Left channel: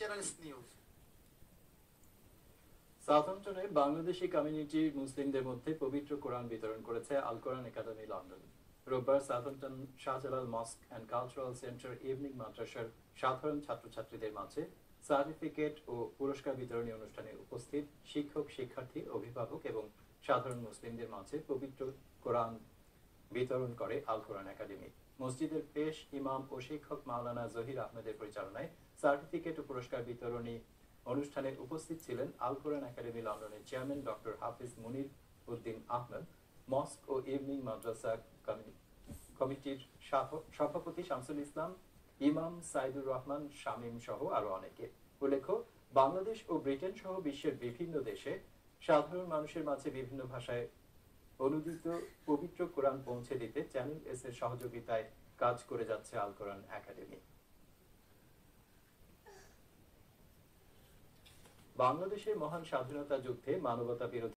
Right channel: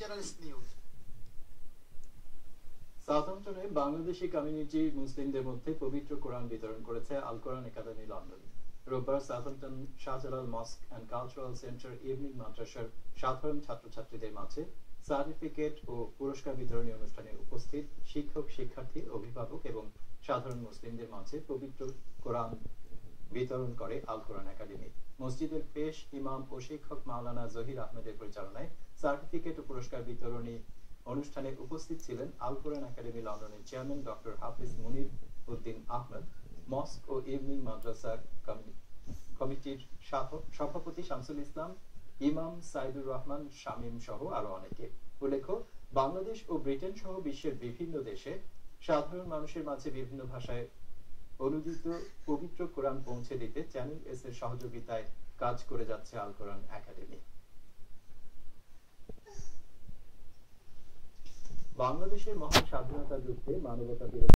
Journalist News. সাউথহ্যাম্পটনে Bangladeshi community মুসলিমদের মধ্যে পবিত্র কোরআন বিতরণ করেছে আল কোরআন একাডেমি লন্ডন। রোববার Southampton Shahjalal mosque and cultural centre evening মাদ্রাসার সাধারণ ছাত্রছাত্রীদের মাঝে সার্টিফিকেট ও পুরস্কার বিতরণী অনুষ্ঠানে উপস্থিত শিক্ষক, শিক্ষার্থী, অভিভাবক এবং সাধারণ মুসলিমদের মাঝে পবিত্র কোরআন বিতরণ করে আল কোরআন একাডেমি। মসজিদের পেশ ইমাম ও শিক্ষক মাওলানা জহির আহমেদের পরিচালনায় সার্টিফিকেট ও পুরস্কার বিতরণী অনুষ্ঠানে উপস্থিত ছিলেন আল কোরআন একাডেমি লন্ডনের চেয়ারম্যান ডক্টর হাফিজ মুনির উদ্দিন আহমেদ, মস্ক ও ইভনিং মাদ্রাসা কমিটির সভাপতি শামসুল ইসলাম, ইমাম সাইদুর রহমান শামীম সহ আরো অনেকে। উল্লেখ্য, বাংলাদেশ ও ব্রিটেন সহ বিশ্বের বিভিন্ন দেশে সাধারণ মানুষের মাঝে বিভিন্ন ভাষায় অনুদিত পবিত্র কোরআন পৌঁছে দিতে চ্যানেল এস এর সহযোগিতায় কাজ করে যাচ্ছে আল কোরআন একাডেমি। বাংলাদেশের মহান স্বাধীনতা যুদ্ধে মানবতা বিরোধী